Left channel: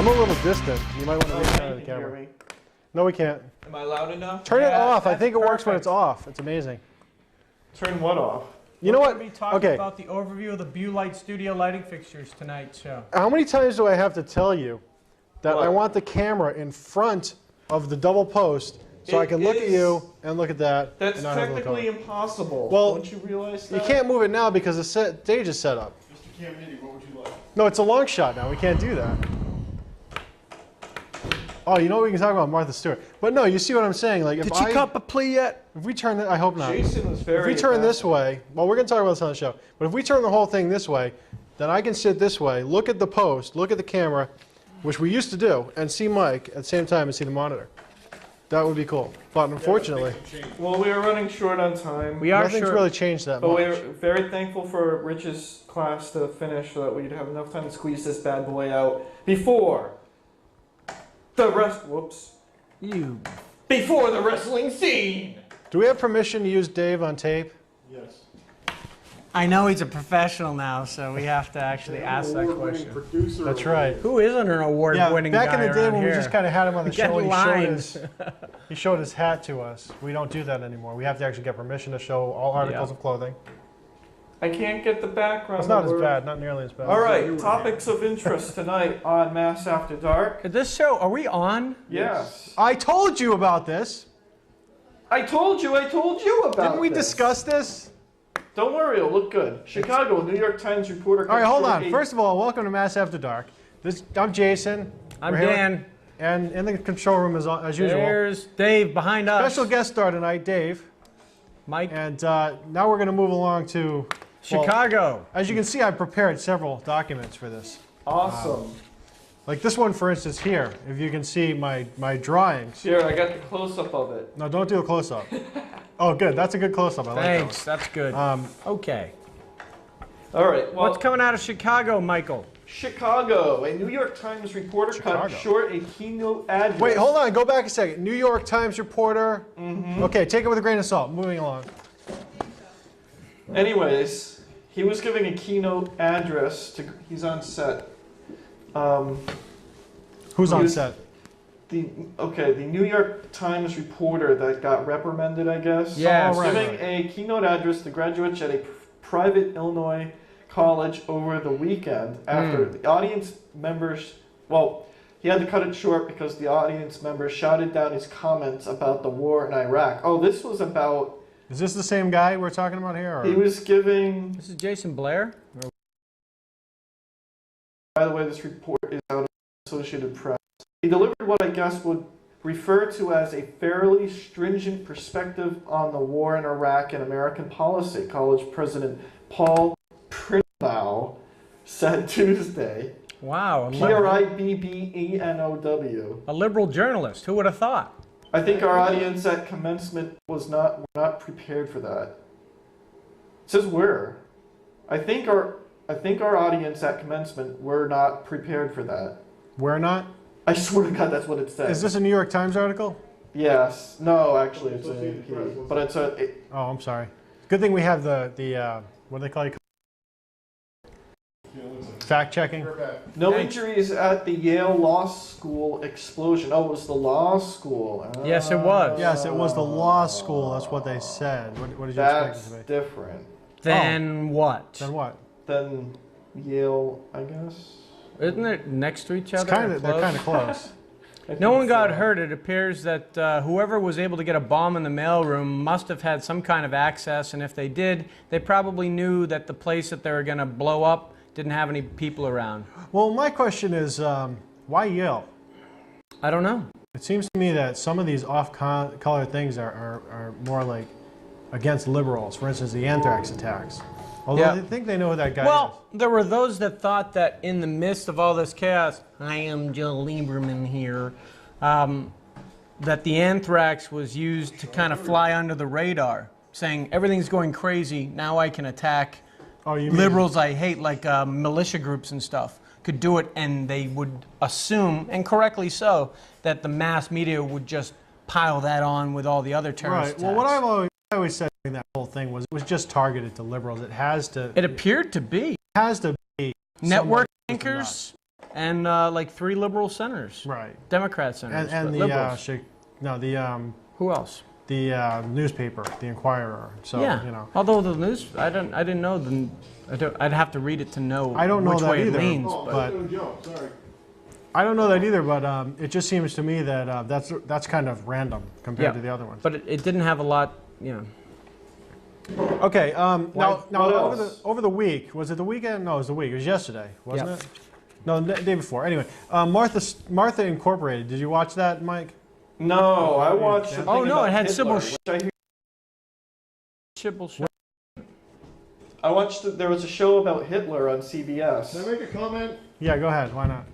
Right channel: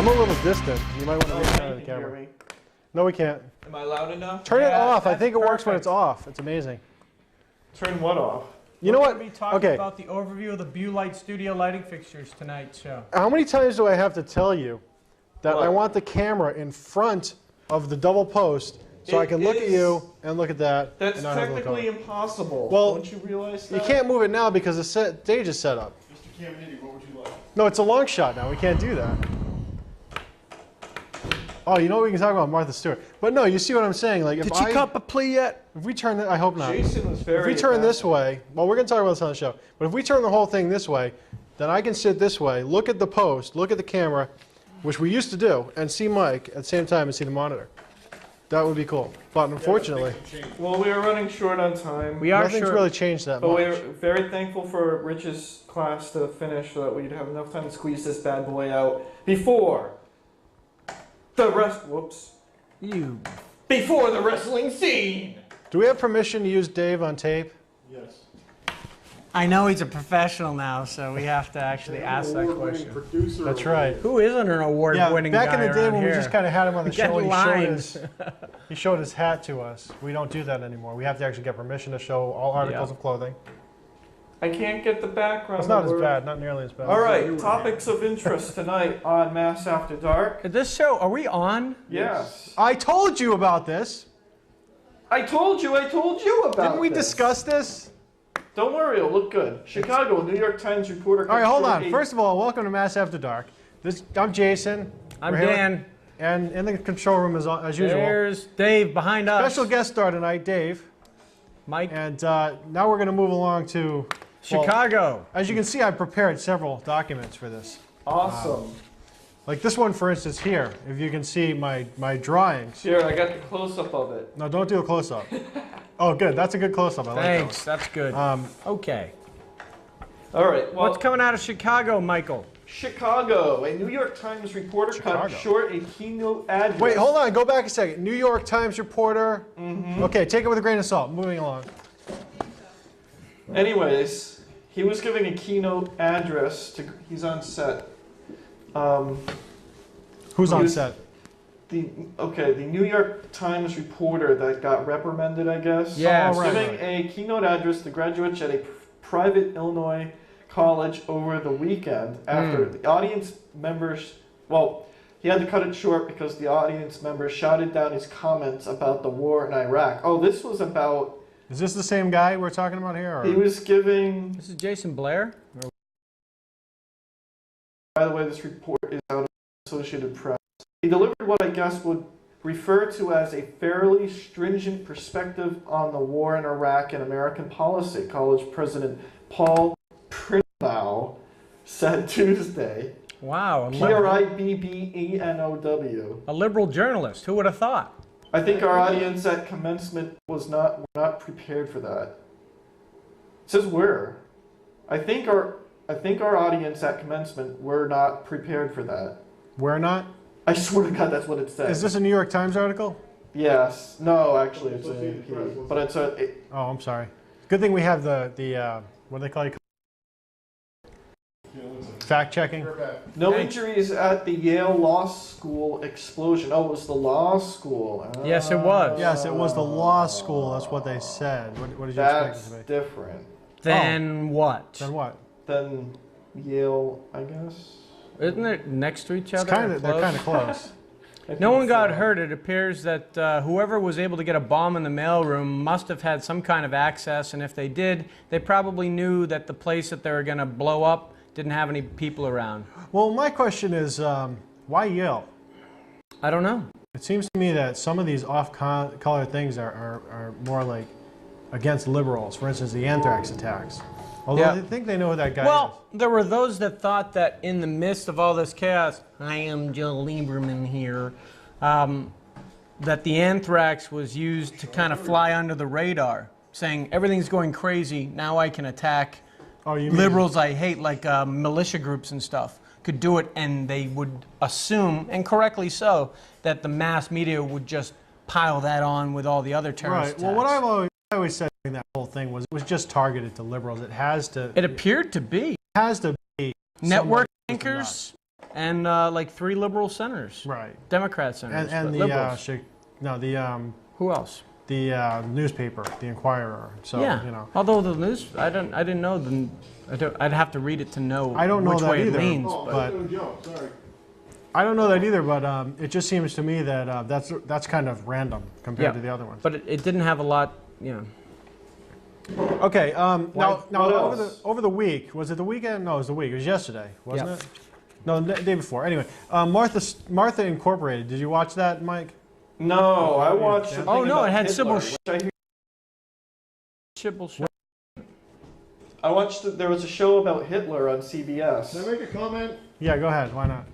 I'm a little distant. You might want to get out of the camera. No, we can't. Am I loud enough? Turn it off. I think it works when it's off. It's amazing. Turn what off? You know what? We're going to be talking about the overview of the Light Studio lighting fixtures tonight's show. How many times do I have to tell you that I want the camera in front of the double post so I can look at you and look at that? That's technically impossible. Well, don't you realize that? You can't move it now because the stage is set up. Mr. Cameo, what would you like? No, it's a long shot now. We can't do that. Oh, you know what we can talk about Martha Stewart. But no, you see what I'm saying? Like, Did she cut a plea yet? If we turn, I hope not. Jason was very. If we turn this way, well, we're going to talk about this on the show. But if we turn the whole thing this way, then I can sit this way, look at the post, look at the camera, which we used to do, and see Mike at the same time and see the monitor. That would be cool. But unfortunately, well, we are running short on time. Nothing's really changed that much. But we're very thankful for Rich's class to finish so that we'd have enough time to squeeze this bad boy out before the rest. Whoops. Before the wrestling scene. Do we have permission to use Dave on tape? Yes. I know he's a professional now, so we have to actually ask that question. That's right. Who isn't an award-winning guy back in the day when here? we just kind of had him on the show and Lines. he showed his hat to us. We don't do that anymore. We have to actually get permission to show all articles of clothing. I can't get the background. It's not as bad, not nearly as bad. All right, topics of interest tonight on Mass After Dark. This show, are we on? Yes. I told you about this. I told you about Didn't we this. discuss this? Don't worry, it'll look good. Chicago, New York Times reporter. All right, hold on. First of all, welcome to Mass After Dark. I'm Jason. I'm Dan. And in the control room, as usual. There's Dave behind us. Special guest star tonight, Dave. Mike. And now we're going to move along to Chicago. As you can see, I've prepared several documents for this. Awesome. Like this one, for instance, here. If you can see my drawings. Here, I got the close-up of it. No, don't do a close-up. Oh, good. That's a good close-up. I like Thanks. that. That's good. Okay. All right. Well, what's coming out of Chicago, Michael? Chicago. A New York Times reporter cut short a keynote address. Wait, hold on. Go back a second. New York Times reporter. Okay, take it with a grain of salt. Moving along. Anyways, he was giving a keynote address to. He's on set. Who's on set? The New York Times reporter that got reprimanded, I guess. Yeah, giving a keynote address to graduates at a private Illinois college over the weekend after the audience members. Well, he had to cut it short because the audience members shouted down his comments about the war in Iraq. Oh, this was about. Is this the same guy we're talking about here? Or? He was giving. This is Jason Blair. By the way, this report is out of Associated Press. He delivered what I guess would refer to as a fairly stringent perspective on the war in Iraq and American policy. College President Paul Pribnow said Tuesday. Wow. Pribbenow. A liberal journalist. Who would have thought? I think our audience at commencement were not prepared for that. It says were. I think our audience at commencement were not prepared for that. We're not? I swear to God, that's what it says. Is this a New York Times article? Yes. No, actually, it's an AP. But it's a. Oh, I'm sorry. Good thing we have the what do they call it? Fact checking. No injuries at the Yale Law School explosion. Oh, it was the law school. Yes, it was. Yes, it was the law school. That's what they said. What did you expect it to be? That's different. Then what? Then what? Then Yale, I guess. Isn't it next to each other? They're kind of close. No one got hurt. It appears that whoever was able to get a bomb in the mailroom must have had some kind of access, and if they did, they probably knew that the place that they were going to blow up didn't have any people around. Well, my question is, why Yale? I don't know. It seems to me that some of these off-color things are more like against liberals. For instance, the anthrax attacks. Although I think they know who that guy is. Well, there were those that thought that in the midst of all this chaos, I am Joe Lieberman here, that the anthrax was used to kind of fly under the radar, saying everything's going crazy, now I can attack liberals I hate, like militia groups and stuff, could do it, and they would assume, and correctly so, that the mass media would just pile that on with all the other terrorist attacks. Well, what I've always said in that whole thing was it was just targeted to liberals. It has to. It appeared to be. It has to be. Network anchors and like 3 liberal senators. Right. Democrat senators. And but the liberals. Who else? the newspaper, the Inquirer. So Yeah. you know. Although the news, I didn't know them. I'd have to read it to know. I don't know which that way either, it leans. but I don't know that either. But it just seems to me that that's kind of random compared to the other ones. But it didn't have a lot, you know. Okay. Now what over the week, was it the weekend? No, it was the week. It was yesterday, wasn't Yeah. it? No, the day before. Anyway, Martha Incorporated. Did you watch that, Mike? No, I watched. the Oh thing no, about it had Hitler, Sybil. which I hear- Sybil. I watched. There was a show about Hitler on CBS. Can I make a comment? Yeah, go ahead. Why not?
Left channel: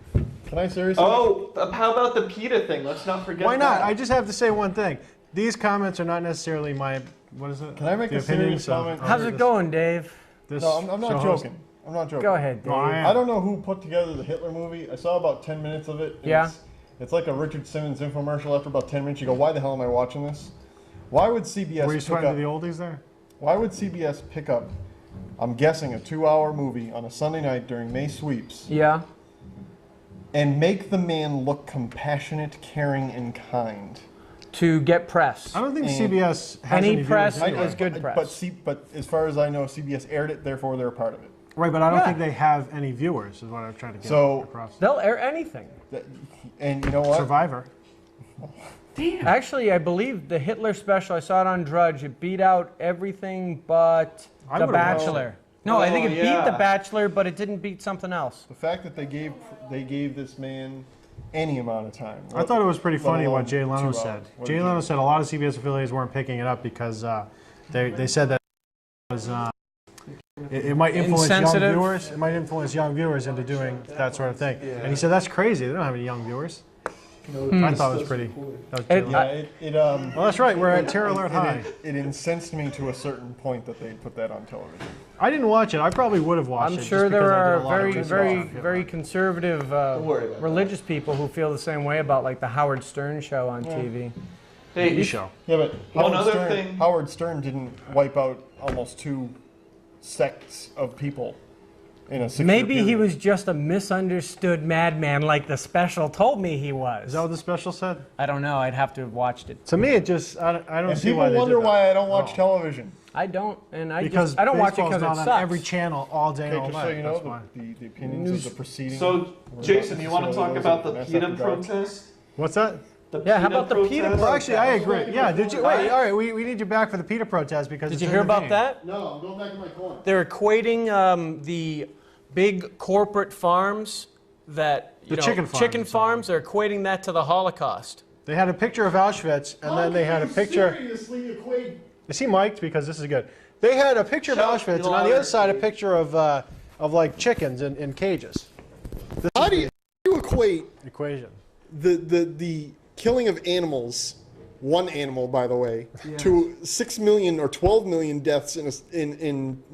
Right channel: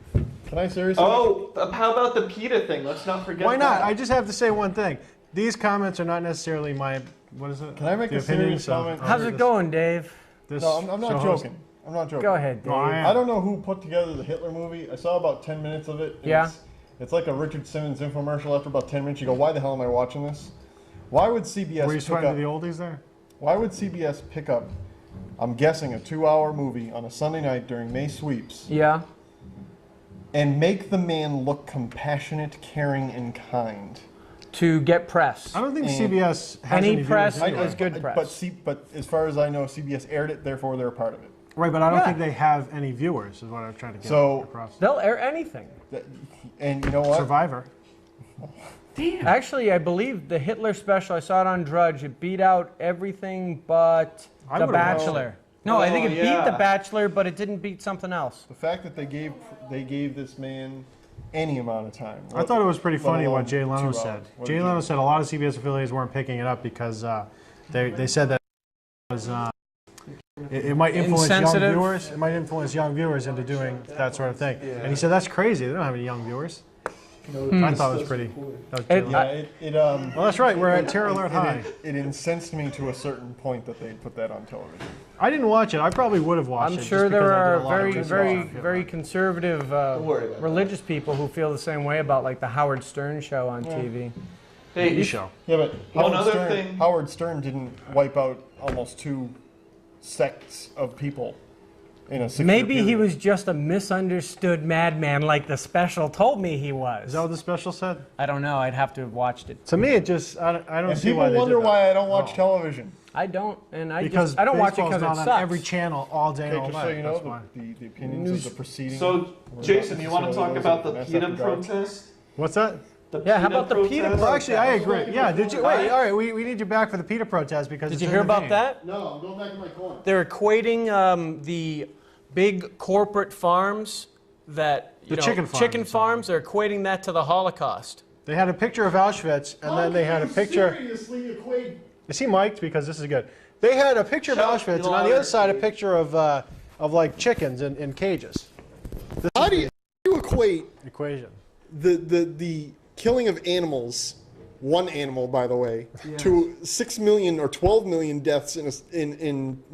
Can I seriously? Oh, how about the PETA thing? Let's not forget. Why not? that. I just have to say one thing. These comments are not necessarily my. What is it? Can I make The a serious opinions of- comment? How's it going, Dave? This No, I'm not show host. joking. I'm not joking. Go ahead, Dave. No, I am. I don't know who put together the Hitler movie. I saw about 10 minutes of it. Yeah. It's like a Richard Simmons infomercial. After about 10 minutes, you go, "Why the hell am I watching this?" Why would CBS Were you pick sweating up? to the oldies there? Why would CBS pick up? I'm guessing a 2-hour movie on a Sunday night during May sweeps Yeah. and make the man look compassionate, caring, and kind. To get press. I don't think And CBS has any viewers press anyway. is good press. But as far as I know, CBS aired it, therefore they're a part of it. Right, but I don't Yeah. think they have any viewers. Is what I was trying to get So- across. They'll air anything. And you know what? Survivor. Actually, I believe the Hitler special, I saw it on Drudge, it beat out everything but I The would've watched Bachelor. No, I think it Oh, beat yeah. The Bachelor, but it didn't beat something else. The fact that they gave this man any amount of time. I thought it was pretty let funny alone what Jay Leno 2 said. hours. What Jay did Leno you- said a lot of CBS affiliates weren't picking it up because they said that it was it might influence young Insensitive. viewers. It might influence young viewers into doing that sort of thing. And he said that's crazy. They don't have any young viewers. I thought it was pretty. That was pretty It- Yeah, well, that's right. We're at Terror Alert High. it incensed me to a certain point that they put that on television. I didn't watch it. I probably would have watched I'm it. sure just there because I did are a lot of very, research very, on it. very conservative worry about religious people who feel the same way about like the Howard Stern show on TV. Hey, TV show. Yeah, but One other thing- Howard Stern didn't wipe out almost 2 sects of people in a 6-year Maybe he period. was just a misunderstood madman like the special told me he was. Is that what the special said? I don't know. I'd have to have watched it. To me, it just I don't And see why people they wonder did that. why I don't watch television. I don't, and Because I don't watch it baseball's because it not sucks. on every channel all day and Okay, all just so night. you That's know, why. the opinions of the proceeding. So, Jason, you want to talk about the PETA protest? What's that? The Yeah, how about the PETA protest? Well, actually, I agree. Yeah, did you? Wait, all right. We need you back for the PETA protest because Did it's you in hear the about game. that? No, I'm going back to my corner. They're equating the big corporate farms that The chicken farms. farms. They're equating that to the Holocaust. They had a picture of Auschwitz, and then they had a picture. Seriously equate. Is he mic'd? Because this is good. They had a picture of Auschwitz, and on the other side, a picture of like chickens in cages. How do you equate Equation. the killing of animals, one animal by the way, to 6 million or 12 million deaths in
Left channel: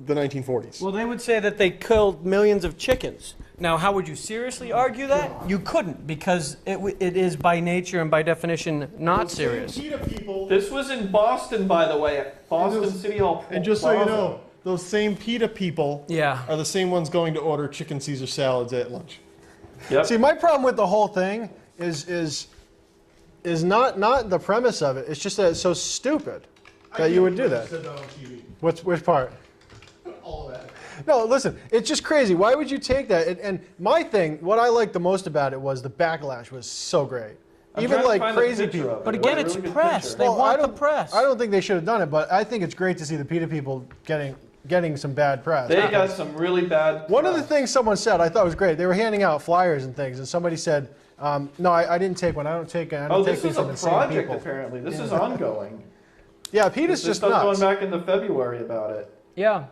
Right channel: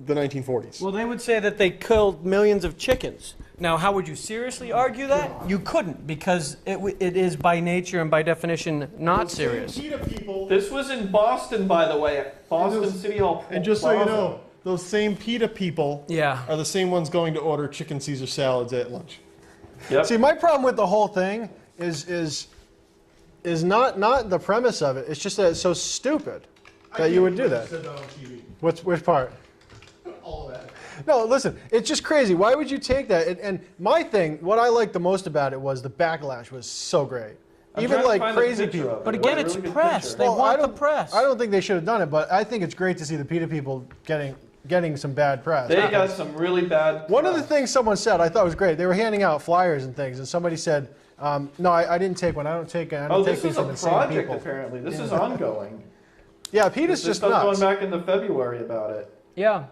the 1940s? Well, they would say that they killed millions of chickens. Now, how would you seriously argue that? You couldn't, because it is by nature and by definition not serious. PETA people, This was in Boston, by the way, at Boston City Hall. and just so you Plaza. know, those same PETA people Yeah. are the same ones going to order chicken Caesar salads at lunch. Yep. See, my problem with the whole thing is not the premise of it. It's just that it's so stupid that you would do that. Said that on TV. Which part? All of that. No, listen, it's just crazy. Why would you take that? And my thing, what I liked the most about it was the backlash was so great. I'm Even trying to like find the crazy picture people. of it. But again, Really it's good press. picture. They Well, want the press. I don't think they should have done it, but I think it's great to see the PETA people getting some bad press. They got some really bad. One of the things someone said I thought was great. They were handing out flyers and things, and somebody said, "No, I didn't take one. I don't take Oh, this things is from a the same project, people." apparently. This is ongoing. Yeah, PETA's This just stuff nuts. going back into February about it. Yeah.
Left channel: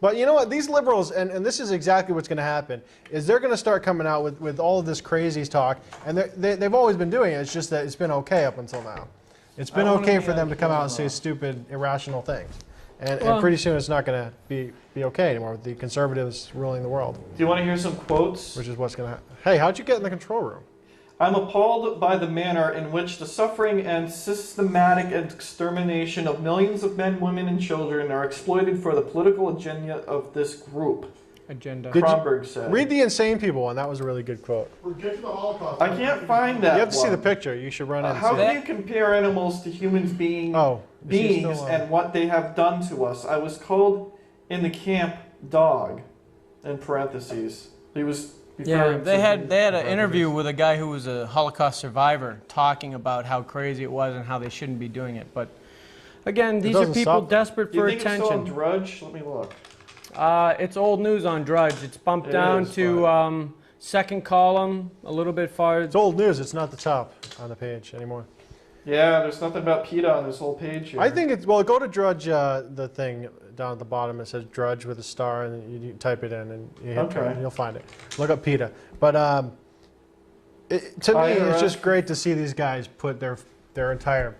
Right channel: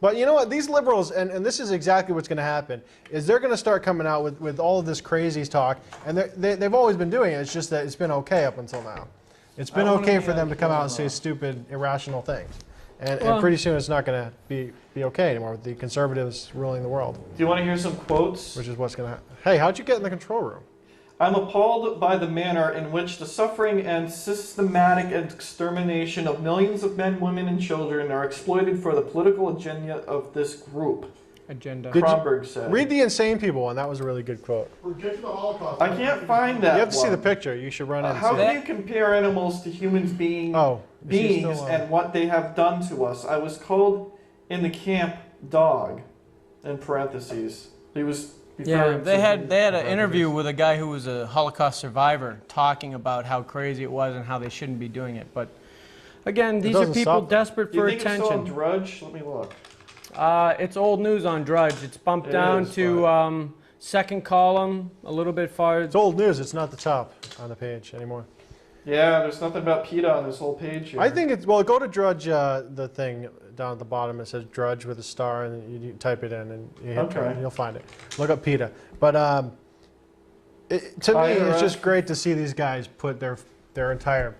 But you know what? These liberals, and this is exactly what's going to happen, is they're going to start coming out with all of this crazy talk, and they've always been doing it. It's just that it's been okay up until now. It's been okay for them to come out and say stupid, irrational things. And pretty soon it's not going to be okay anymore with the conservatives ruling the world, Do you want to hear some quotes? which is what's going to happen. Hey, how'd you get in the control room? I'm appalled by the manner in which the suffering and systematic extermination of millions of men, women, and children are exploited for the political agenda of this group. agenda. Did you Kronberg said. read the insane people one? That was a really good quote. Reject the Holocaust. I can't find that. You have to see the one. picture. You should run in and How see can it. you compare animals to humans being Oh, is he beings still, and what they have done to us? I was called in the camp dog, in parentheses. He was. Yeah, referring they to had his- an interview with a guy who was a Holocaust survivor talking about how crazy it was and how they shouldn't be doing it. But again, these are doesn't people stop. desperate Do you for think it's still on attention. Drudge? Let me look. It's old news on Drudge. It's bumped It down is, to second column, a little bit far. It's old news. It's not the top on the page anymore. Yeah, there's nothing about PETA on this whole page here. I think it's well. Go to Drudge, the thing down at the bottom. It says Drudge with a star, and you type it in, and you hit Okay. Drudge, and you'll find it. Look up PETA. But to me, it's just great to see these guys put their entire.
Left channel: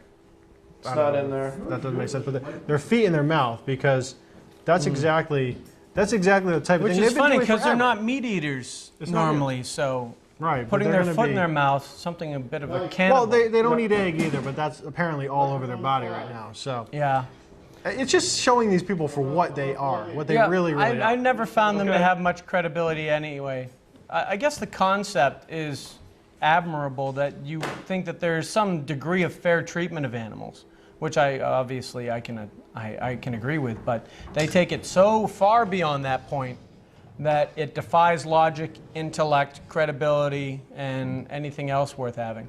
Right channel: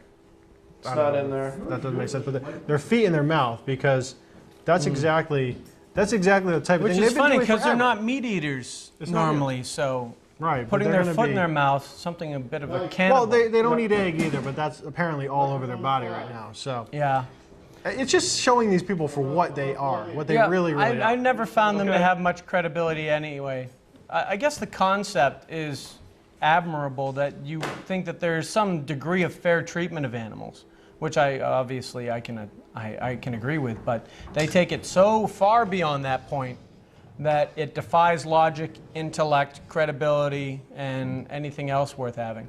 It's not in there. That doesn't make sense. But their feet in their mouth, because that's exactly the type of Which thing. is they've been funny doing because they're forever. not meat eaters It's not normally, so Right, but putting they're their gonna foot in be- their mouth, something a bit of a Well, cannibal. they don't eat egg either, but that's apparently all over their body right now. So Yeah. it's just showing these people for what they are, what they Yeah, really I are. never found them to have much credibility anyway. I guess the concept is admirable that you think that there's some degree of fair treatment of animals, which I can agree with, but they take it so far beyond that point that it defies logic, intellect, credibility, and anything else worth having.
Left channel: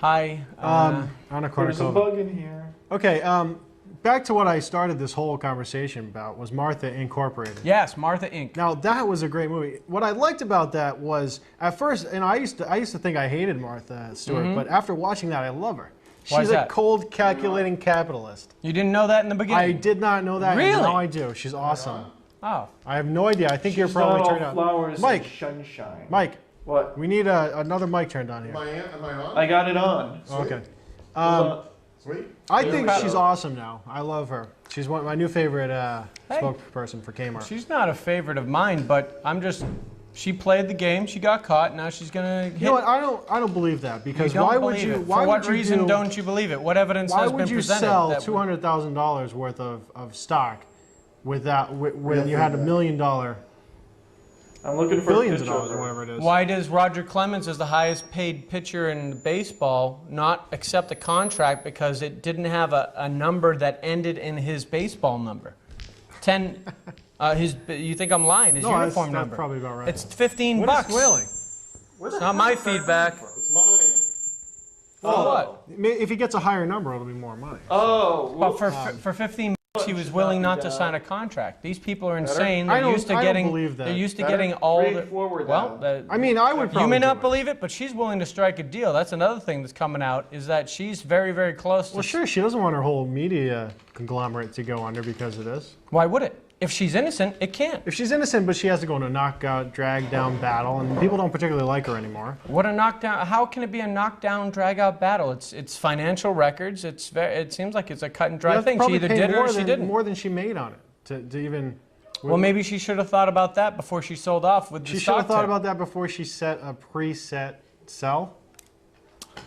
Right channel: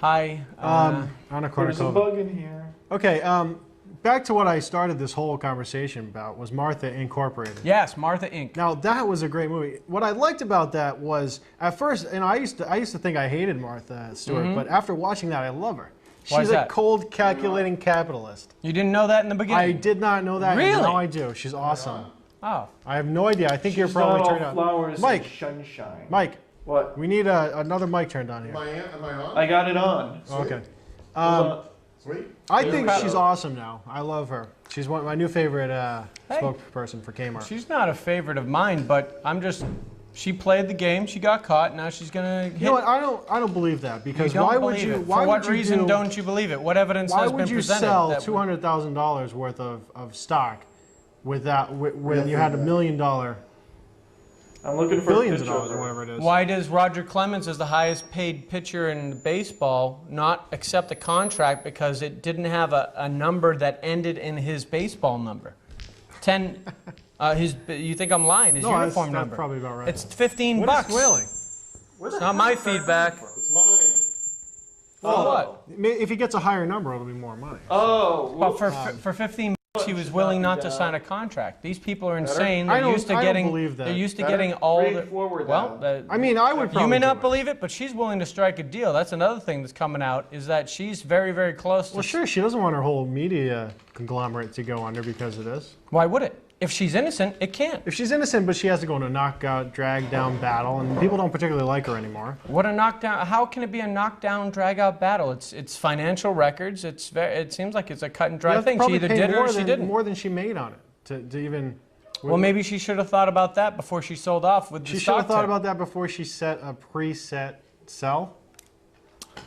Hi. Anna There's a Kournikova. bug in here. Okay, back to what I started this whole conversation about was Martha Incorporated. Yes, Martha Inc. Now that was a great movie. What I liked about that was at first, and I used to think I hated Martha Stewart, but after watching that, I love her. Why She's is a that? cold, calculating capitalist. You didn't know that in the beginning? I did not know that. Really? And now I do. She's awesome. Oh. I have no idea. I think you're She's probably not all turned flowers on. Mike, and sunshine. Mike, What? we need another mic turned on here. Am I on? I got it on. Okay. Sweet. I think Yeah. she's awesome now. I love her. She's my new favorite spokesperson for Kmart. She's not a favorite of mine, but she played the game, she got caught, now she's gonna hit. You know what? I don't believe that because You don't why would believe you? it. Why For what would you reason do, don't you believe it? What evidence Why has would been you presented? sell that would- $200,000 worth of stock without when you had $1 million, I'm looking for billions a of picture dollars, or her. whatever it is? Why does Roger Clemens, as the highest paid pitcher in baseball, not accept a contract because it didn't have a number that ended in his baseball number? 10. You think I'm lying? His No, that's- uniform that's number. probably about right. It's 15 What bucks. is really? It's not my feedback. It's mine. Oh, what? If he gets a higher number, it'll be more money. Oh, Well, whoops. for 15 bucks, he was willing not to sign a contract. These people are insane. They're I don't- used to I don't getting. believe that. They're used to Better? getting all Read the. forward Well, now. I mean, I would. you Probably may do not it. believe it, but she's willing to strike a deal. That's another thing that's coming out is that she's very, very close to. Well, sure, she doesn't want her whole media conglomerate to go under because of this. Why would it? If she's innocent, it can't. If she's innocent, but she has to go in a knockout, drag down battle, and people don't particularly like her anymore. What a knockdown! How can it be a knockdown, drag-out battle? It's financial records. It seems like it's a cut and dry That's thing. She probably either paid did it more or she than- didn't. More than she made on it to even. Well, maybe she should have thought about that before she sold off with the She should stock have thought tip. about that before she set a preset sell.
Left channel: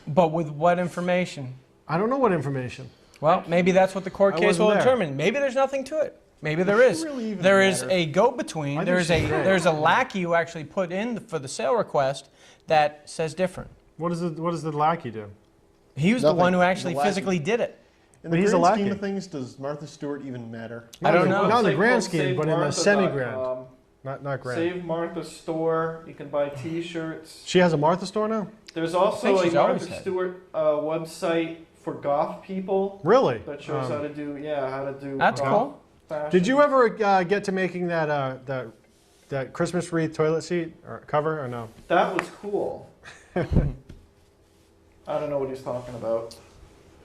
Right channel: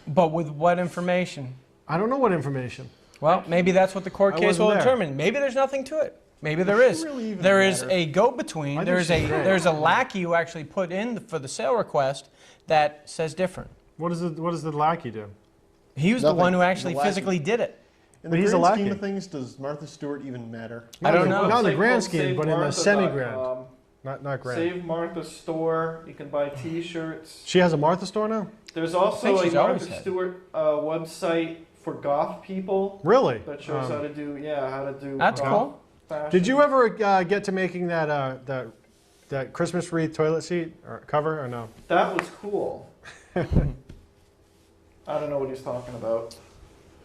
But with what information? I don't know what information. Well, maybe that's what the court I case will wasn't there. determine. Maybe there's nothing to it. Maybe there is. really even There is matter? a go-between. I There's think she did. there's a lackey who actually put in for the sale request that says different. What does the lackey do? He was Nothing. the one who actually The lackey. physically did it. In But the he's a grand scheme lackey. of things, does Martha Stewart even matter? I don't Not know. in the Website grand called scheme, but in the SaveMartha.com. semi-grand. Not grand. Save Martha store. You can buy T-shirts. She has a Martha store now? There's also think a she's always Martha had. Stewart website for goth people Really? that shows how to do how to do. That's goth cool. fashion. Did you ever get to making that Christmas wreath toilet seat or cover or no? That was cool. I don't know what he's talking about.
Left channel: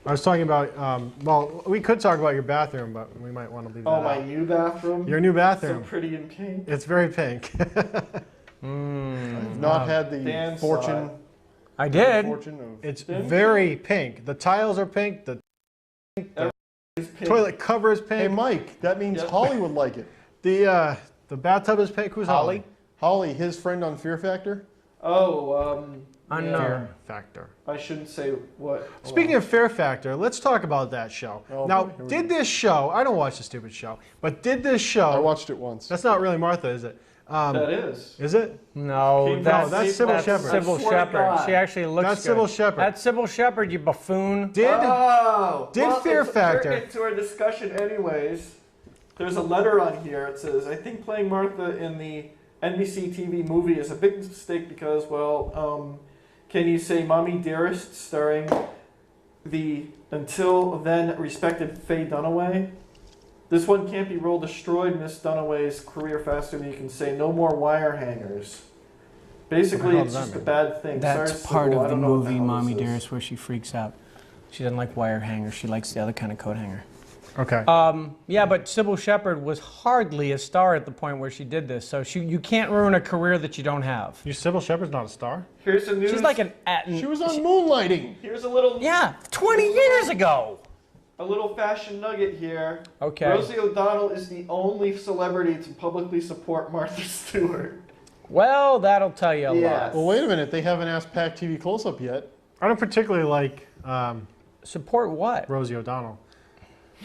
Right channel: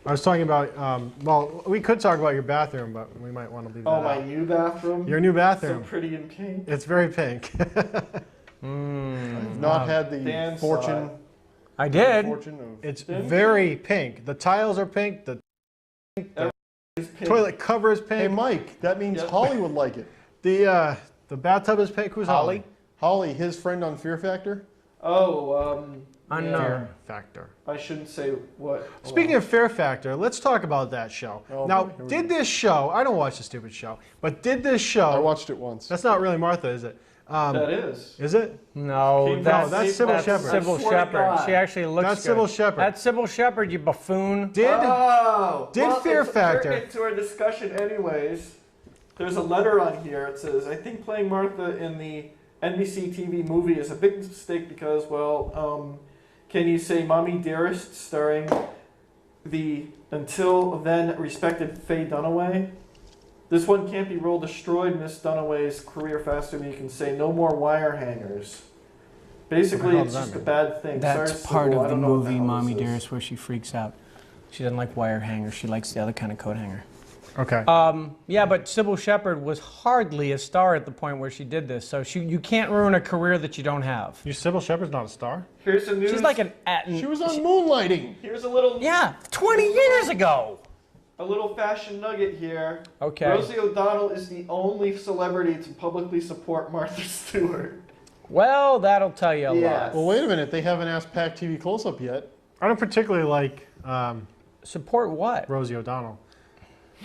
I was talking about. Well, we could talk about your bathroom, but we might want to leave Oh, that my out. new bathroom. Your new So bathroom. pretty in pink. It's very pink. Not had the Dan fortune. I did. Fortune of It's very pink. The tiles are pink. The It's pink. toilet cover is Hey, pink. Mike, that means Yep. Holly would like it. The bathtub is pink. Who's Holly? Holly, his friend on Fear Factor. Oh, Unknown. Fear Factor. I shouldn't say what. Speaking of Fear Factor, let's talk about that show. Now, did this show? I don't watch the stupid show, but did this show? I watched it once. That's not really Martha, is it? That is. Is it? No, that's Sybil Shepherd. Sybil I swear to Shepherd. God. She actually looks That's good. Sybil Shepherd. That's Sybil Shepherd, you buffoon. Did Oh, Fear Factor? We're into our discussion, anyways. There's a letter on here. It says, "I think playing Martha in the NBC TV movie is a big mistake because, well, can you say Mommy Dearest starring the until then respected Faye Dunaway? This one can't be role destroyed Miss Dunaway's career faster than you can say no more wire hangers." Basically, What the it's hell just does a that bad thing. That's Sorry, part Sybil, I of the don't know what movie hell Mommy this is. Dearest where she freaks out. She doesn't like wire hangers. She likes the other kind of coat hanger. Okay. Yeah, but Sybil Shepherd was hardly a star at the point where she did this. So you can't ruin a career that you don't have. Your Sybil Shepherd's not a star. Here's the news. She's like an She was on Moonlighting. Here's a little. Yeah, 20 years ago. A little fashion nugget here. Okay. Rosie O'Donnell is the only celebrity to publicly support Martha Stewart. Well, that'll tell you a Yes. lot. Well, wait a minute. They haven't asked Pac TV close-up yet. I don't particularly like Support what? Rosie O'Donnell.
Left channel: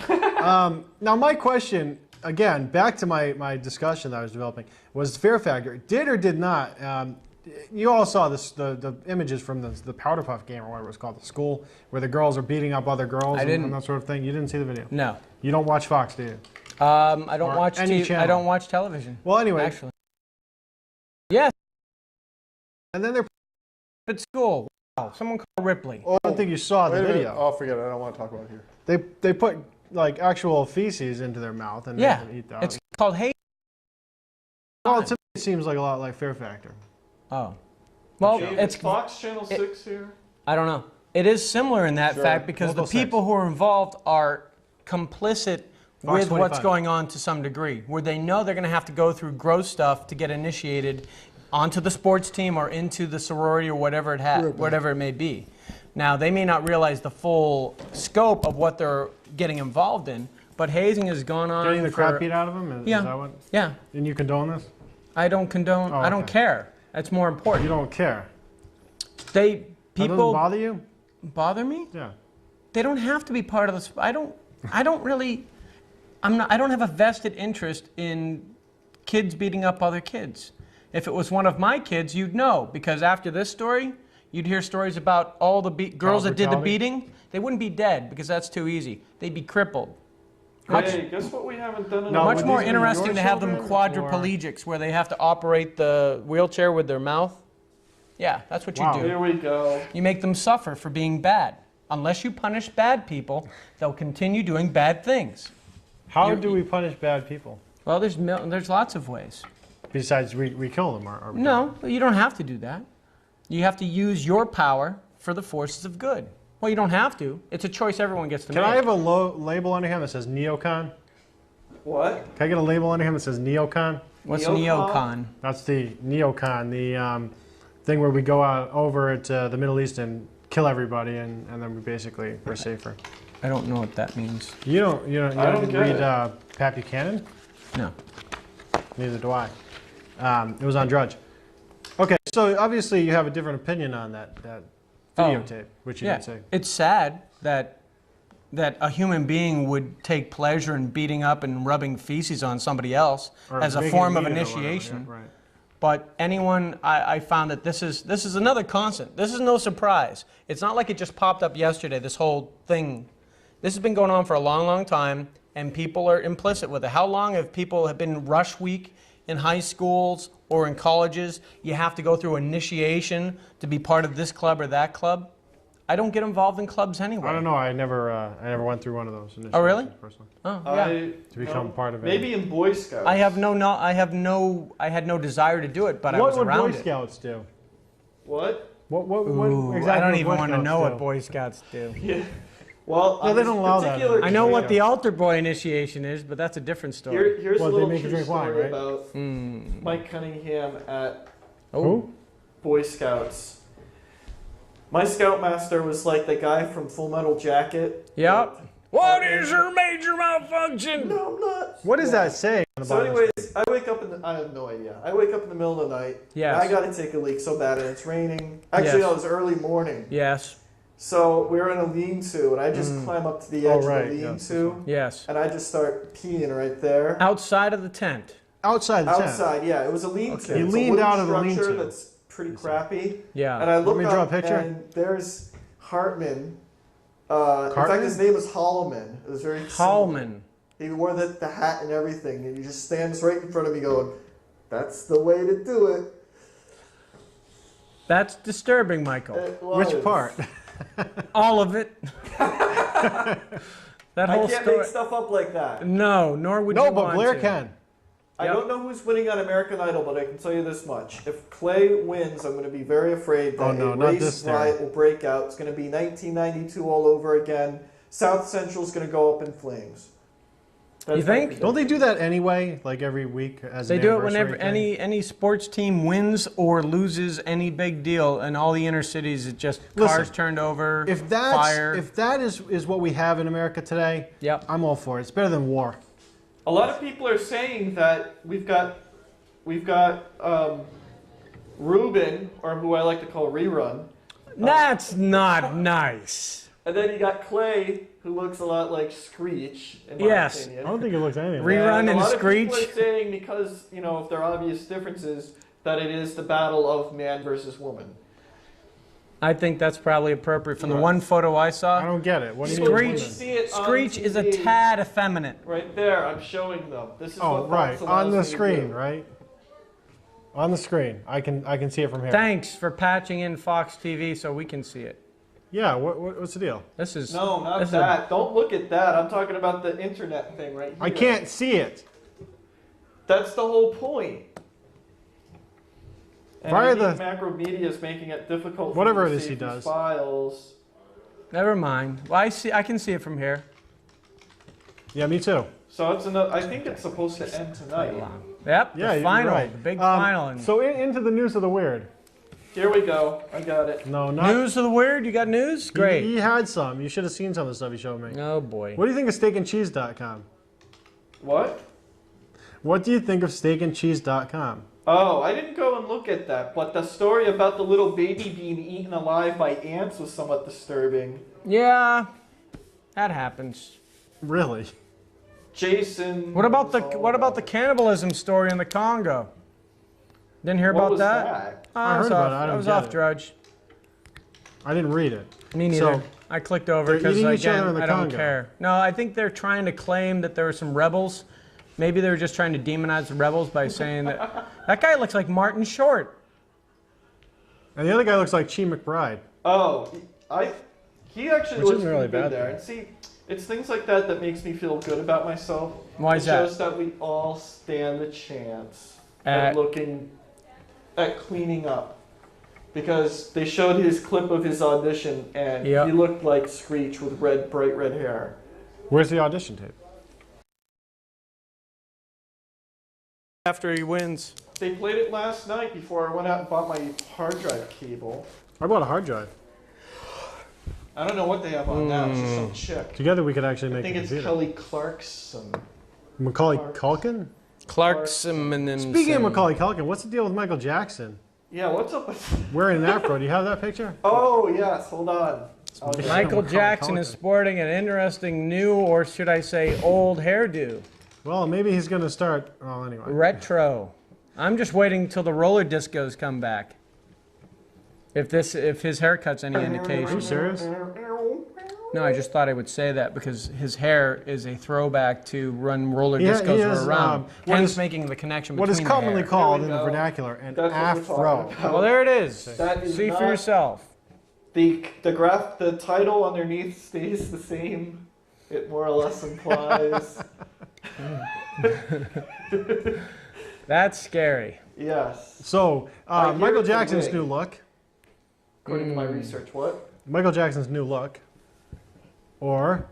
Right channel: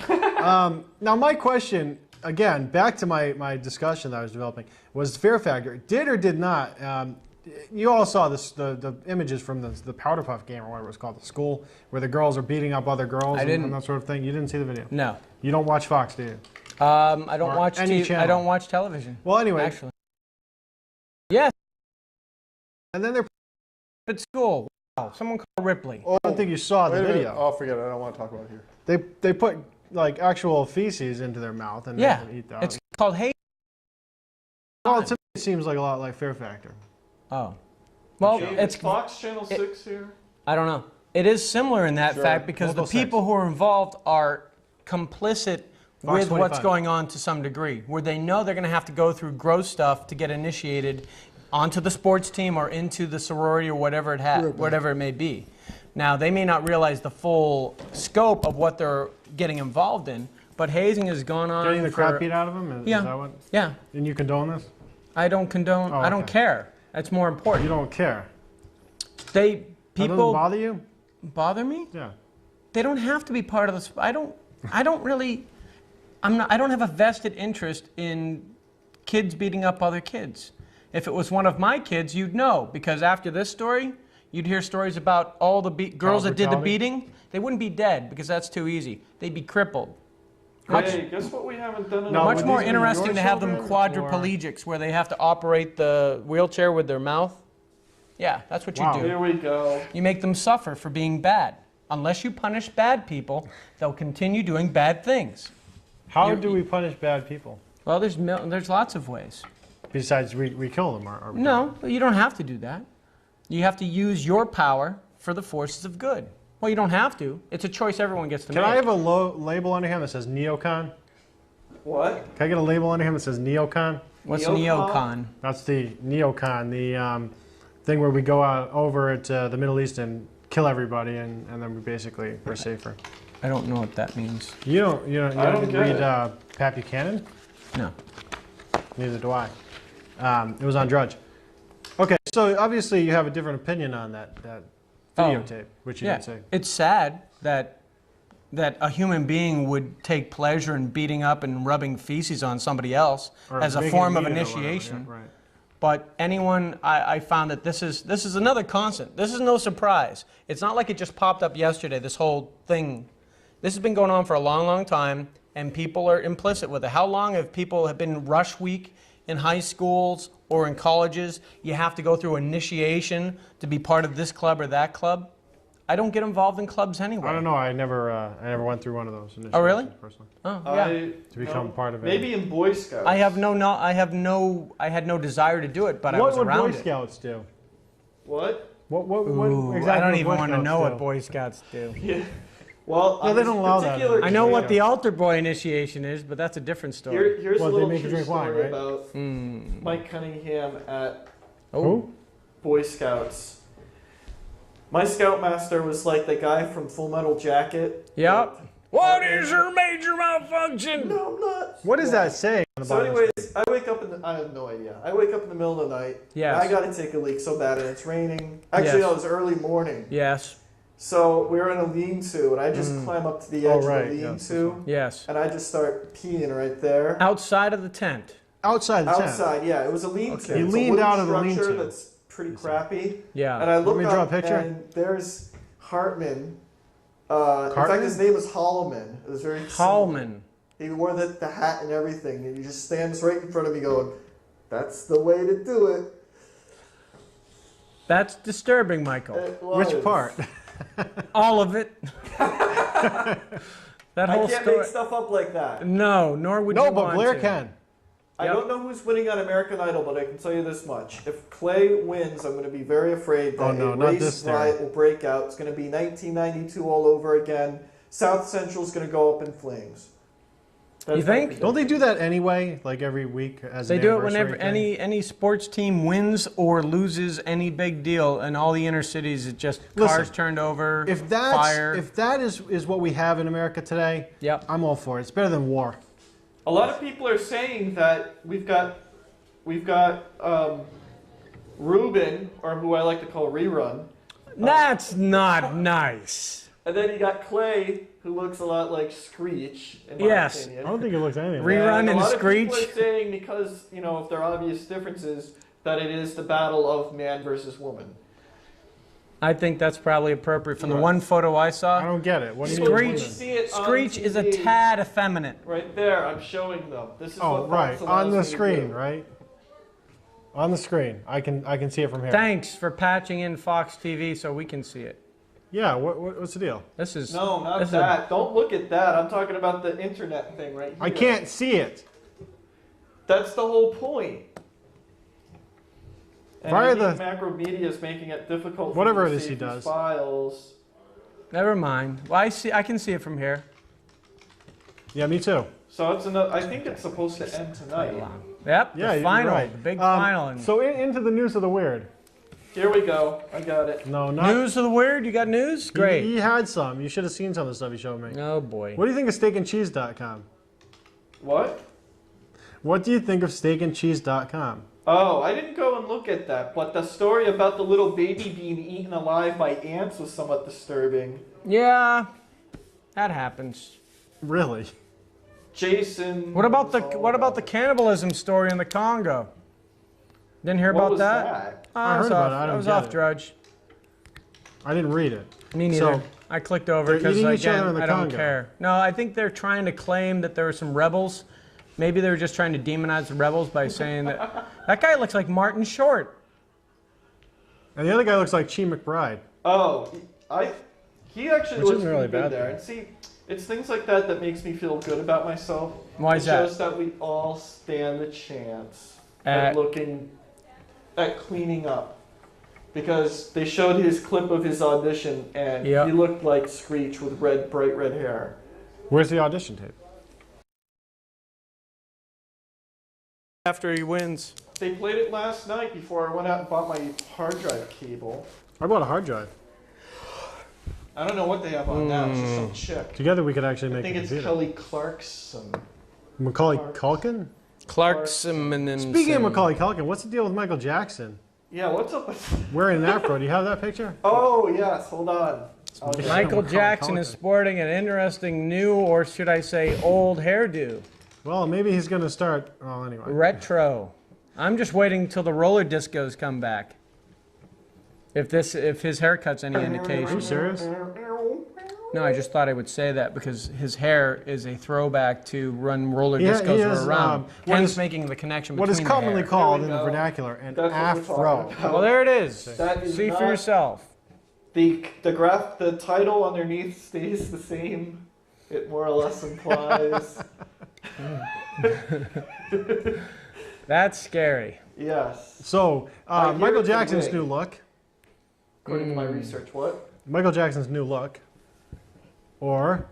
Now, my question, again, back to my discussion that I was developing, was Fear Factor. Did or did not, you all saw this, the images from the Powder Puff game, or whatever it was called, the school, where the girls are beating up other girls didn't. and that sort of thing. You didn't see the video? No. You don't watch Fox, do you? I don't watch any I channel. don't watch television. Well, anyway. Actually. Yes, And then they're, at school. Wow, someone call Ripley. I don't think you saw the Wait a minute. video. Oh, forget it. I don't want to talk about it here. They put like actual feces into their mouth and Yeah, they can eat that. it's called hate. Well, to me, it seems like a lot like Fear Factor. Oh, well, it's Fox Channel 6 here. I don't know. It is similar in that fact because Local the people 6. who are involved are complicit Fox with what's 25. going on to some degree, where they know they're going to have to go through gross stuff to get initiated onto the sports team or into the sorority or whatever whatever it may be. Now, they may not realize the full scope of what they're getting involved in, but hazing has gone on. Getting the for- crap beat out of them? Is Yeah. that what? Yeah, And you condone this? I don't condone. Oh, I don't okay. care. That's more important. You don't care? They That doesn't people bother you? bother me. Yeah. They don't have to be part of this. I don't really. I don't have a vested interest in kids beating up other kids. If it was one of my kids, you'd know, because after this story, you'd hear stories about all the girls that did the brutality? beating. They wouldn't be dead because that's too easy. They'd be crippled. Hey, guess what we haven't done in No, a Much would more these be your interesting to have them children, or- quadriplegics, where they have to operate the wheelchair with their mouth. Yeah, that's what you Wow. do. Here we go. You make them suffer for being bad. Unless you punish bad people, they'll continue doing bad things. How do we punish bad people? Well, there's lots of ways. Besides, we kill them, or we No, you don't have to do that. You have to use your power for the forces of good. Well, you don't have to. It's a choice everyone gets to Can make. I have a label under him that says neocon? What? Can I get a label under him that says neocon? What's Neocon? neocon? That's the neocon, the thing where we go out over at the Middle East and kill everybody, and then we're safer. I don't know what that means. You don't I don't get read it. Pat Buchanan? No. Neither do I. It was on Drudge. Okay, so obviously you have a different opinion on that videotape, which you Yeah, didn't say. it's sad that a human being would take pleasure in beating up and rubbing feces on somebody else Or as a making form of them eat it or whatever, initiation. yeah, right. But anyone, I found that this is another constant. This is no surprise. It's not like it just popped up yesterday, this whole thing. This has been going on for a long, long time, and people are implicit with it. How long have people have been rush week in high schools or in colleges? You have to go through initiation to be part of this club or that club. I don't get involved in clubs anyway. I don't know. I never went through one of those. Oh, really? Personally. Oh, yeah. To become part of it. Maybe in Boy Scouts. I had no desire to do it, but I What was would around Boy it. Scouts do? What? What Ooh, exactly I don't would even Boy want to Scouts know do? what Boy Scouts do. Yeah. Well, No, on they this don't allow that particular anymore. I know issue- what the altar boy initiation is, but that's a different story. Here's Well, a they little make you true drink wine, story right? about Mike Cunningham at Who? Boy Scouts. My scoutmaster was like the guy from Full Metal Jacket. Yep. What is your major malfunction? No, I'm not. What does that say on So, anyways, I wake up I have no idea. I wake up in the middle of the night. Yes. And I got to take a leak so bad, and it's raining. Actually, Yes. no, it was early morning. Yes. So we're in a lean-to, and I just climb up to the edge right, of the yes. lean-to, Yes. and I just start peeing right there. Outside of the tent. Outside the tent. Outside, yeah, it was a lean-to. You It's a leaned wooden out of the structure lean-to. that's pretty crappy. Yeah. And I look me draw a up, picture? and there's Hartman. In fact, his name was Holloman. It was very similar. Hallman. He wore the hat and everything, and he just stands right in front of me going, "That's the way to do it." That's disturbing, Michael. It was. Which part? All of it. That I whole can't story. make stuff up like that. No, nor would you No, but want Blair to. can. I don't know who's winning on American Idol, but I can tell you this much. If Clay wins, I'm going to be very afraid that Oh, no, a not race this time. riot will break out. It's going to be 1992 all over again. South Central's going to go up in flames. That's You think? my Don't they do that anyway? Like every week as They an do it anniversary whenever thing? any sports team wins or loses any big deal, and all the inner cities, it just Listen, cars turned over, If that's fire. if that is what we have in America today, Yep. I'm all for it. It's better than war. A lot of people are saying that we've got Ruben, or who I like to call Rerun, That's not nice. and then you got Clay, who looks a lot like Screech, in my Yes. opinion. I don't think it looks anything. Re- like Rerun And a and lot of Screech. people are saying, because, if there are obvious differences, that it is the battle of man versus woman. I think that's probably appropriate. From the one photo I I saw, don't get it. What do you Screech. mean? You see it on Screech is a TV. tad effeminate. Right there, I'm showing them. This is Oh, what right. Fox On allows the me to screen, do. right? On the screen. I can see it from here. Thanks for patching in Fox TV so we can see it. Yeah, what's the deal? This is No, not this is that. Don't look at that. I'm talking about the internet thing right here. I can't see it. That's the whole point. And Via I think the- macro media is making it difficult for Whatever me to it is see he these does. files. Never mind. Well, I can see it from here. Yeah, me too. So it's I think it's supposed to end tonight. Yep. Yeah, the you're final, right. the big final. And So into the news of the weird. Here we go. I got it. No, not news of the weird. You got news? Great. He had some. You should have seen some of the stuff he showed me. Oh boy. What do you think of steakandcheese.com? What? What do you think of steakandcheese.com? Oh, I didn't go and look at that, but the story about the little baby being eaten alive by ants was somewhat disturbing. Yeah, that happens. Really? Jason. What about the was all what about the cannibalism story in the Congo? Didn't hear What about was that? that? Oh, I was heard about off, it. I don't was get off it. Drudge. I didn't read it. Me neither. So, I clicked over they're because eating each other in again, the I don't Congo. care. No, I think they're trying to claim that there were some rebels. Maybe they were just trying to demonize the rebels by saying that that guy looks like Martin Short. and the other guy looks like Chi McBride. Oh, he actually Which looks isn't really pretty good bad, there. though. And see, it's things like that that makes me feel good about myself. Why is it that? shows that we all stand a chance At- at cleaning up. Because they showed his clip of his audition, and Yeah. he looked like Screech with bright red hair. Where's the audition tape? After he wins. They played it last night before I went out and bought my hard drive cable. I bought a hard drive. I don't know what they have on now. It's just some chick. Together we could actually I make think a it's computer. Kelly Clarkson. Macaulay Culkin? Clarkson and then Speaking of Macaulay Culkin, what's the deal with Michael Jackson? Yeah, what's up with... Wearing that, bro. Do you have that picture? Oh, yes, hold on. Okay. Michael Macaulay Jackson is Culkin. sporting an interesting new, or should I say old hairdo. Well, maybe he's going to start. Well, anyway. Retro. I'm just waiting till the roller discos come back. If his haircut's any Are you indication. serious? No, I just thought I would say that because his hair is a throwback to run roller He discos has, were around. what Hence is- making the connection What between is commonly the hair. called There in we the go. vernacular an That's what we're afro. talking about. Well, there it is. That is See for not- yourself. The title underneath stays the same. It more or less implies. That's scary. Yes. So, I hear Michael it's a Jackson's wig. new look. According to my research. What? Michael Jackson's new look. Or,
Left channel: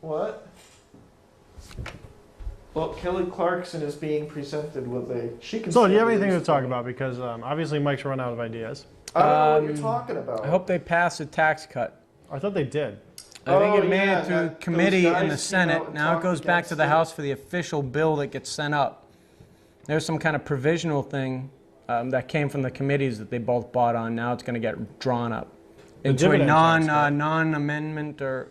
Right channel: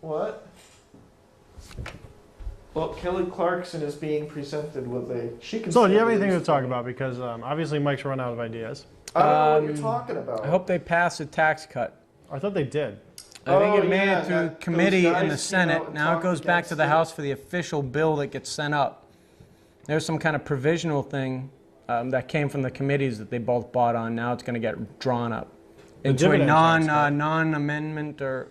What? Well, Kelly Clarkson is being presented with a. She can. so do you still have anything to use talk the- about? Because obviously Mike's run out of ideas. I don't know what you're talking about. I hope they pass a tax cut. I thought they did. I think it made yeah, it through those committee in guys the came out Senate. and Now it talked goes back to the against it. House for the official bill that gets sent up. There's some kind of provisional thing that came from the committees that they both bought on. Now it's going to get drawn up into a dividend tax cut. non-amendment or.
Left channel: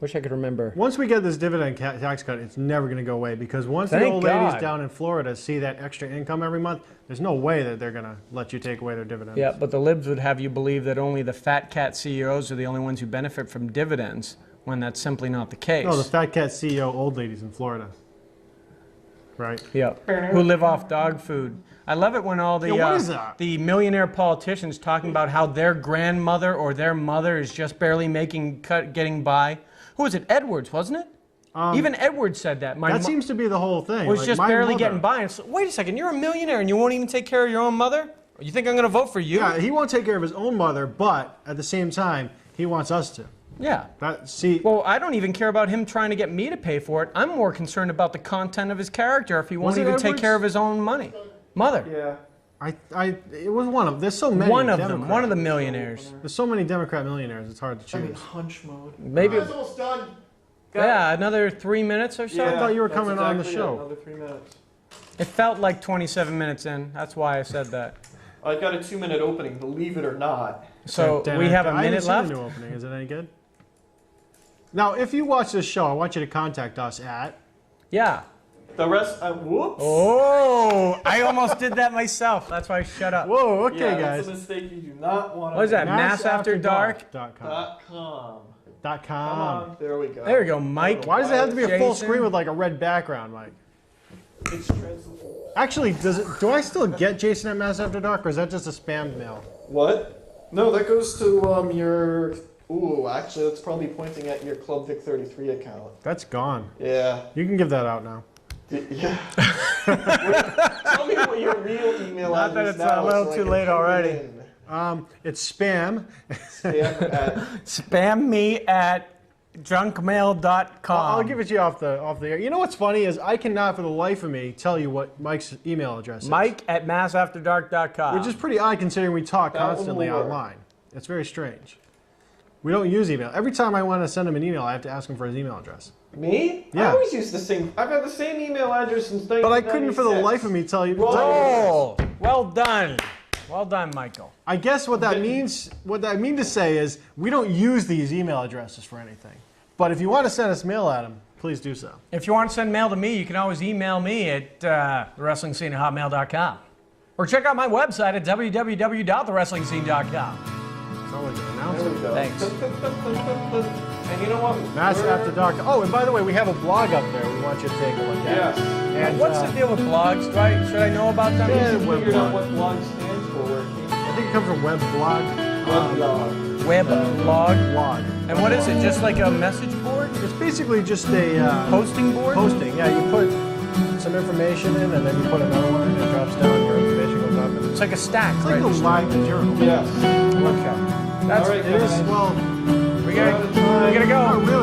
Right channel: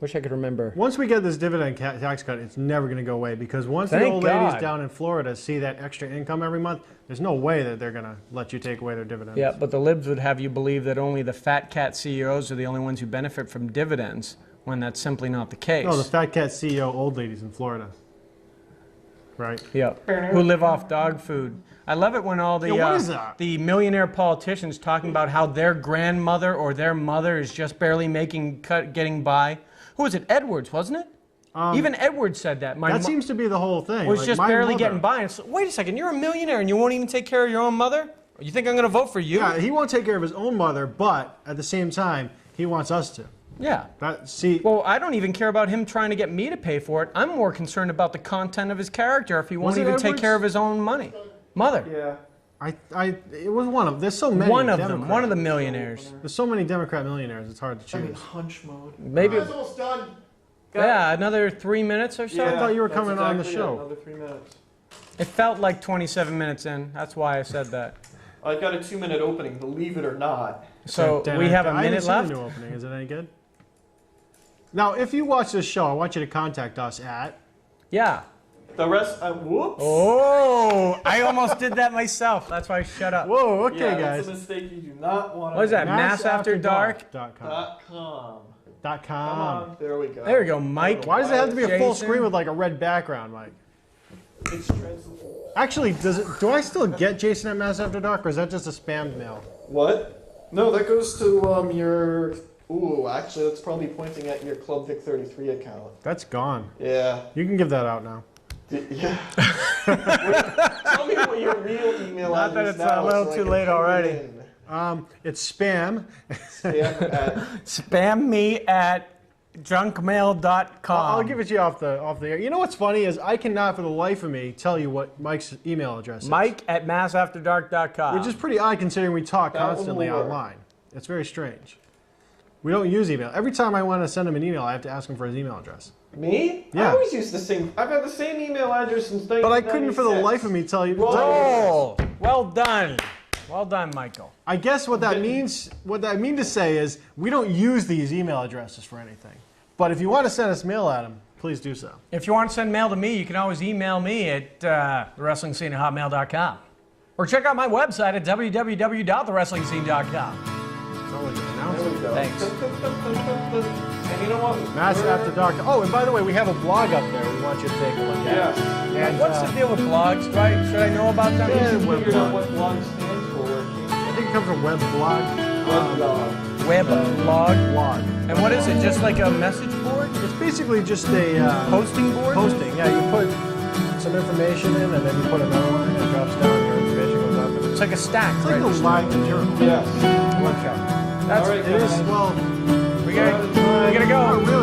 Wish I could remember. Once we get this dividend tax cut, it's never going to go away because once the Thank old God. ladies down in Florida see that extra income every month, there's no way that they're going to let you take away their dividends. Yeah, but the libs would have you believe that only the fat cat CEOs are the only ones who benefit from dividends, when that's simply not the case. No, the fat cat CEO old ladies in Florida. Right? Yeah, who live off dog food. I love it when all the Yeah, what is that? the millionaire politicians talking about how their grandmother or their mother is just barely getting by. Who was it? Edwards, wasn't it? Even Edwards said that. That seems to be the whole thing. was Like, just my barely mother- getting by. And so, wait a second, you're a millionaire and you won't even take care of your own mother? You think I'm going to vote for you? Yeah, he won't take care of his own mother, but at the same time, he wants us to. Yeah. See, Well, I don't even care about him trying to get me to pay for it. I'm more concerned about the content of his character if he won't Was it even take Edwards? care of his own mother. Yeah. it was one of. There's so many. One of them, Democrats. one of the millionaires. There's so many Democrat millionaires. It's hard to I'm in choose. hunch mode. Maybe, It's almost done. yeah, another 3 minutes or so. Yeah, thought you were that's coming on the exactly show. it, Another 3 minutes. It felt like 27 minutes in. That's why I said that. I got a 2-minute opening, believe it or not. So we have a I haven't minute seen the left. new opening. Is it any good? Now, if you watch this show, I want you to contact us at. Yeah. The rest, whoops. Oh, I almost did that myself. That's why I shut up. Whoa, okay, yeah, that's guys. a mistake you do not want to What is that? make. MassAfterDark.com. .com. .com. Come on, there we go. There we go, Mike. Why does it have to be a full Jason? screen with like a red background, Mike? It's stressful. Actually, do I still get Jason at Mass After Dark, or is that just a spam mail? What? No, that goes to your. Ooh, actually, it's probably pointing at your Club Vic 33 account. That's gone. Yeah. You can give that out now. Yeah. Tell me what your real email Not that address it's now a little so I too can late put it already. in. It's spam. Spam at Spam me at junkmail.com. I'll give it to you off the air. You know what's funny is I cannot for the life of me tell you what Mike's email address is. Mike at massafterdark.com. Which is pretty odd considering we talk That one constantly will work. online. It's very strange. We don't use email. Every time I want to send him an email, I have to ask him for his email address. me? Yeah. I always use the same. I've had the same email address since 1996. But I couldn't for the life of me tell you. Oh, well done. Well done, Michael. I guess what that means, what I mean to say is, we don't use these email addresses for anything. But if you want to send us mail at them, please do so. If you want to send mail to me, you can always email me at thewrestlingscene@hotmail.com. Or check out my website at www.thewrestlingscene.com. That was an There announcement. we go. Thanks. And you know what? Mass After Dark. Oh, and by the way, we have a blog up there. We want you to take a look at. Yes. And What's the deal with blogs? Right? Should I know about them? Yeah, Figure web out blog. what blog stands for. I think it comes from web blog. Web blog. Web blog. Blog. And what is it? Just like a message board? It's basically just a Posting board? posting. Yeah, you put some information in, and then you put another one, and it drops down. Your information goes up. It's like a stack, It's right? like a live material. Yes. Okay. That's All right, It is, guys. well, we gotta go. we're really